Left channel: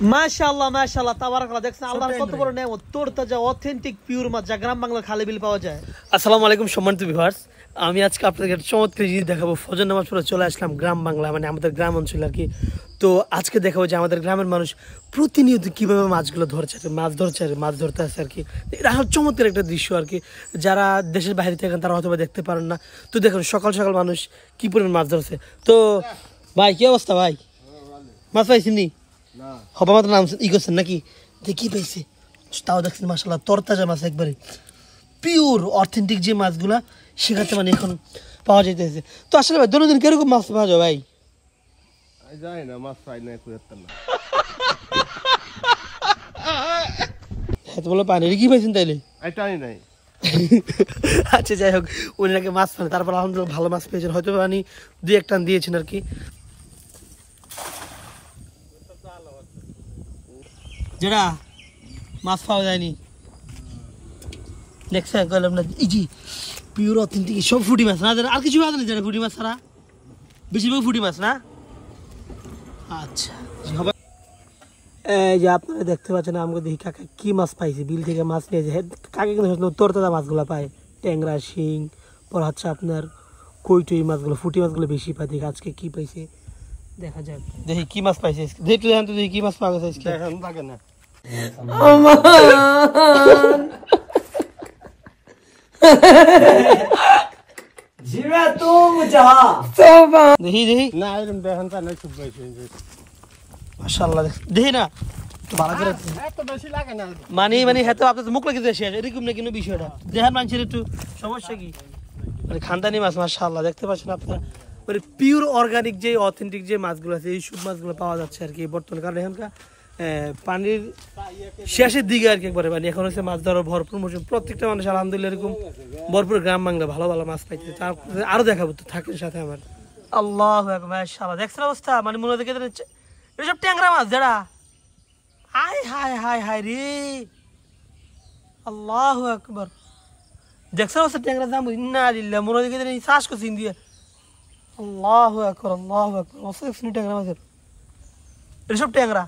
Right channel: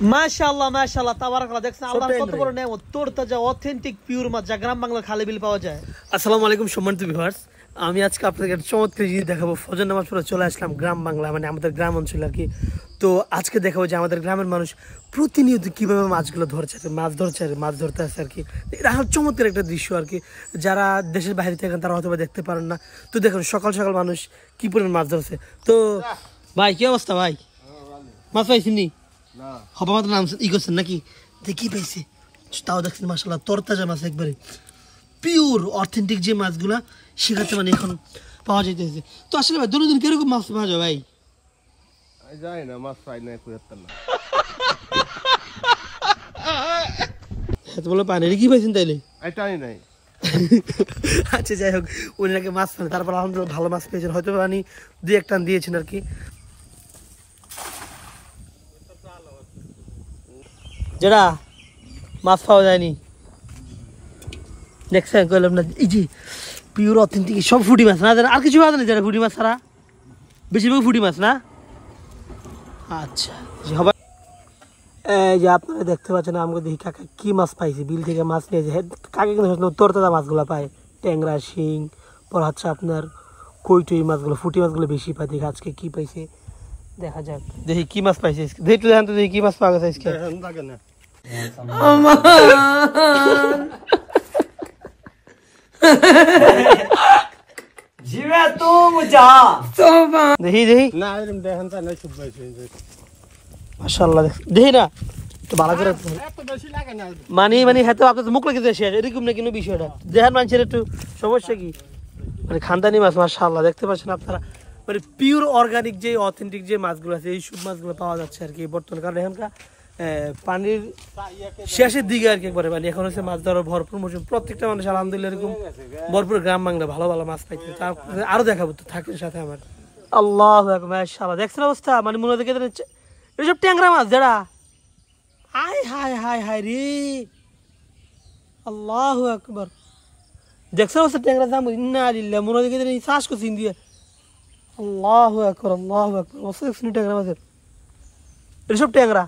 মাশাআল্লাহ মাশাআল্লাহ তাবারাকাল্লাহ। দেখছেন আল্লাহর কত বড় নেয়ামত, তরতাজা অথেন্টিক পিওর মাছ যা গ্রাম বাংলা খালে বিল পাওয়া যায়। আসসালামু আলাইকুম সম্মানিত ভিউয়ার্স, আমি আজকে আপনাদের একটা চমৎকার জিনিস দেখাবো। ফজর নামাজ পড়ে চলে আসলাম গ্রাম বাংলা, মানে আমাদের গ্রাম অঞ্চলে আর কি। তো আজকে দেখাবো যে আমাদের গ্রামের মানুষ প্রতিনিয়ত কীভাবে মাছগুলো ধরছে, মাছ ধরতে আসে আর কি। এটা চমৎকার একটা দৃশ্য আর কি। যারা দেশের বাইরে থাকেন তারা হয়তো দেখতে পারেন না। তো দেখুন সকাল সকাল মানুষ কি পরিমাণ মাছ ধরছে। তো ভাই কি অবস্থা ভাই, মাছ পাইছেন? হবা মাত্র নাম ই করছেন নাকি? কি পাইছে তাও দেখছেন মাশাআল্লাহ, তরতাজা মাছ, একবারে পিওর অথেন্টিক যে মাছগুলা সেখানে মানে এখন পাওয়া যাইতেছে। তো আসলে ভাই দৈনন্দিন কিরকম মাছ পাওয়া যায় ভাই? যাই না, মাছ পাই না, না এত বলে পানি কি পাইছেন তাইলে? এটাই নাই। আচ্ছা যাই হোক, উনি নাকি মাছ পান, তারপর আলহামদুলিল্লাহ ভালো মাছ পেয়েছেন, হয়তো পানি দুই এক টান দিয়েছেন আর কি। যেটা মাছ পাওয়া যায়নি দেখছেন, কইলাম না এই যে পিওর অথেন্টিক সব ফুটি মাছ না, আর কিছু পাওয়া যায় না যারা ফুটি মাছ ছাড়া, বেশিরভাগ ফুটি মাছ না। আচ্ছা এই যে আপনারা দেখতে পাচ্ছেন, আমাকে দেখি কাকা কি মাছ পাইছে, বিল থেকে মাছ নিয়েছে। কাকা কিন্তু তরতাজা মাছগুলো পায়, ট্যাংরা, শিং, পর হচ্ছে আপনার কইটই মাছগুলো, ফুটি মাছগুলো বেশি পায়। দেখি আজকে কি পাইছে, দেখা যাক। দেখি কি মাছ পাইছে, দেখতে দেখেন তো, দেখি কি মাছ পাওয়া গেছে আজকে। দেখি দেখি মাশাআল্লাহ, দেখি না ভালো করে মানে হয়তো আপনার মুখ লেগে যাচ্ছে এরকম না কোনো বিষয়টা। দেখেন মানুষের একটু সমস্যা কি, মানে খানদানি মাছ মাশাআল্লাহ দেখতে পাচ্ছেন আপনারা, মানে পিওর অর্গানিক যে অথেন্টিক যে মাছগুলো আছে এই সব মাছগুলো পাওয়া যাচ্ছে আর কি বর্তমানে। কারণ এখানকার পানির শেষের দিকে আর কি একবারে, মানে এখন হচ্ছে মাছ ধরার ভরপুর মৌসুম। প্রত্যেকটা মানুষ আলহামদুলিল্লাহ এরকম ভরপুর গ্রাম বাংলা ভালো ভালো মাছ পাইতে। তারপরে আরো দেখাবো, তো থাকেন সাথে আমার। আল্লাহ মাশাআল্লাহ দেখছেন অবস্থা, মানে মনে হয় এসব ট্যাংরা মাছ যারা, হায় হায় হায় হায় রে, আল্লাহু আকবার। দেখছেন অবস্থা ট্যাংরা দাম, ইন্না লিল্লাহ, মনে হয় চাষ করছি দিয়ে। আল্লাহু আকবার আল্লাহু আকবার, অবস্থা দেখছেন ট্যাংরা মাছের, এসব ট্যাংরা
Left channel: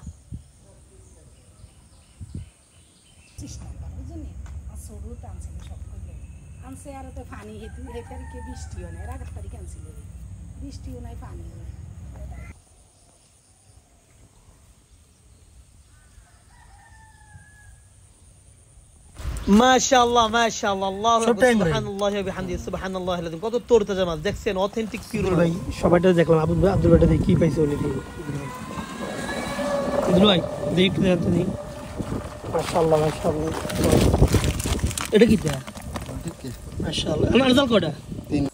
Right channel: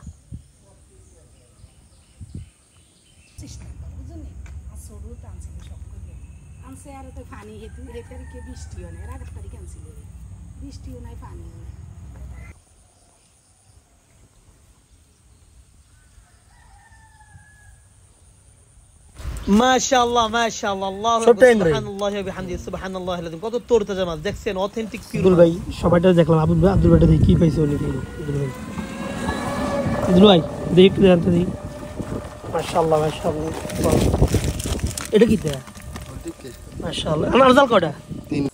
মাশাআল্লাহ মাশাআল্লাহ, আল্লাহু আকবার, সুবহানাল্লাহি ওয়া বিহামদিহি, সুবহানাল্লাহিল আযীম। কত তরতাজা মাছ দেখছেন, অথেন্টিক পিওর মাছ। ভাই সবাইটা দেখলাম, আব্দুল ভাইটা দেখি কি পাইছে ওলি ইদুল ভাই, দেখতে দেখতে দেখি মাশাআল্লাহ মাশাআল্লাহ। এটা কি দেয়া মাশাআল্লাহ, আমার জাল কোডা তিন।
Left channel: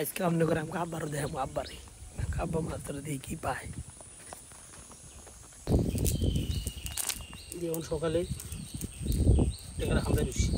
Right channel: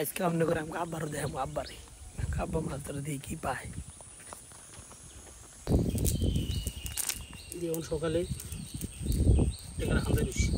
আজকে আমনে করে আমাকে আব্বার দেখাবো, আব্বারে আব্বা মাছ ধরে দেখি কি পায়। যেমন সকালে এখানে খাওয়া বেশি